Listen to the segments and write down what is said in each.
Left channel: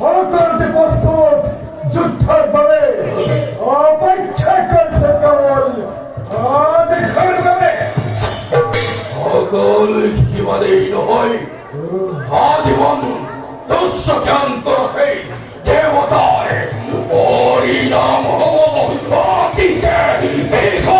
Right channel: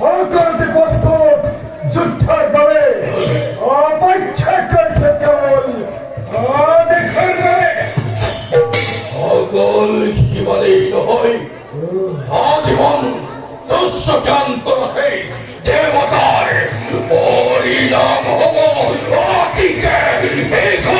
হরকরতে প্রস্তুত যুদ্ধের ভাবে অপেক্ষা করছে কেবল দেখার ভাবে সকল জীবনেই নয় আজীবন দস্যজ্ঞান করে দেবতার পরিণাম অতীতে দেখো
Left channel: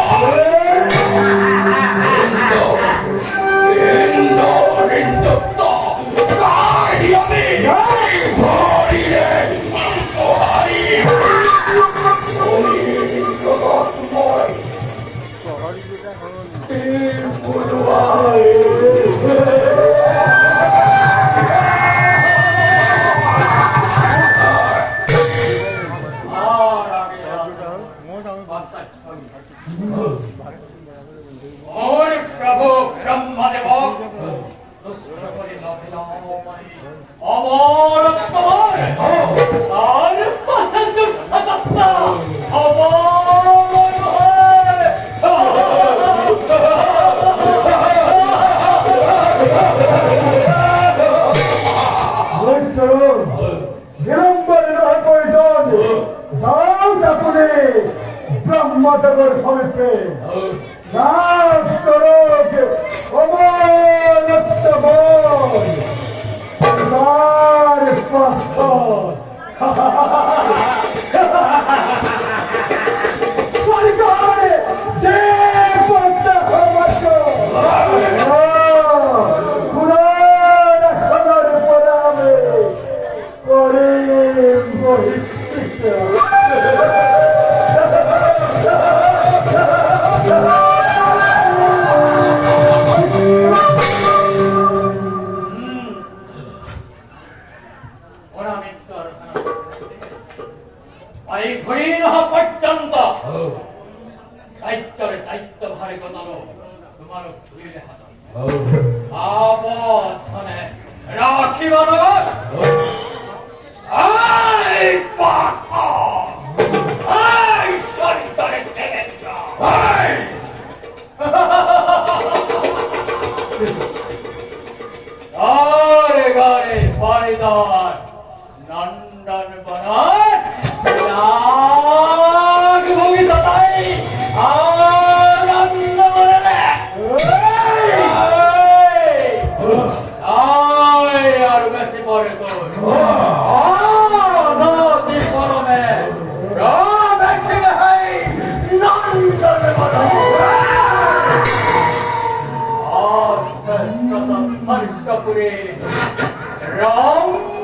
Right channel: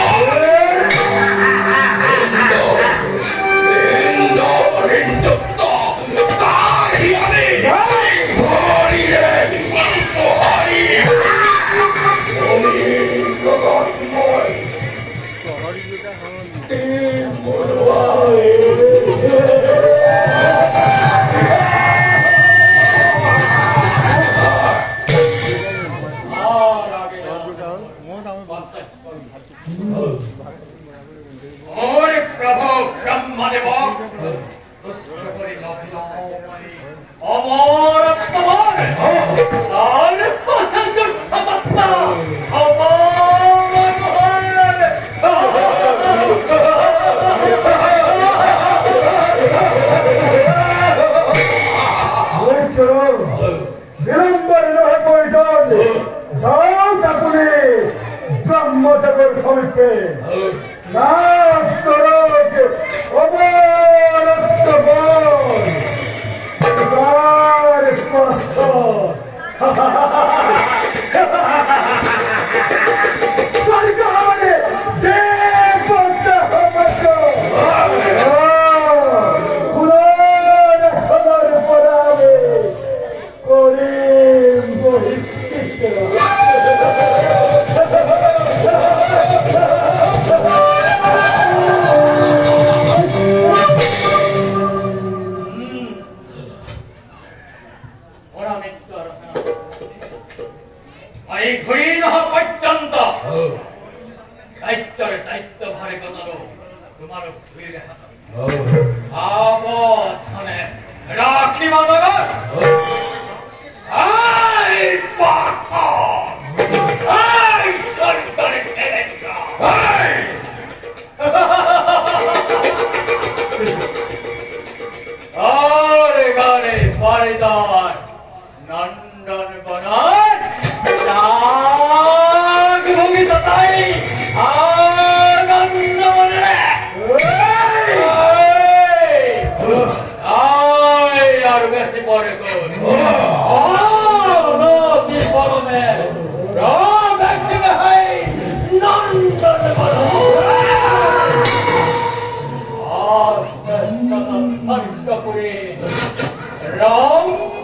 প্রভু ব্রহ্মদেব অমর আর বিলম্বরে নহে প্রয়োজন যাও কাপুরে ব্রহ্মদেবের সমীপে লাভ করো অমরত্ব বল তার পাশর সরকারে দেবতা হমস খুদার খবর পড়াবে করিম বহিষ্কৃত এই ঘড়ির পর্যন্ত সাহিত্যের দায়িত্ব ভারে কথালো তোমার ঘুরে হাত আবধনে রাখি মানব এই পাখা এই সরকারে ফেলেছা আরে গারে বারিদার নন্দন বনার নাগ ভোগী তাই আনন্দ মনে আর বেশি পরে কোন নদী গরমে নন্দন বনার স্পর্শপুরে রং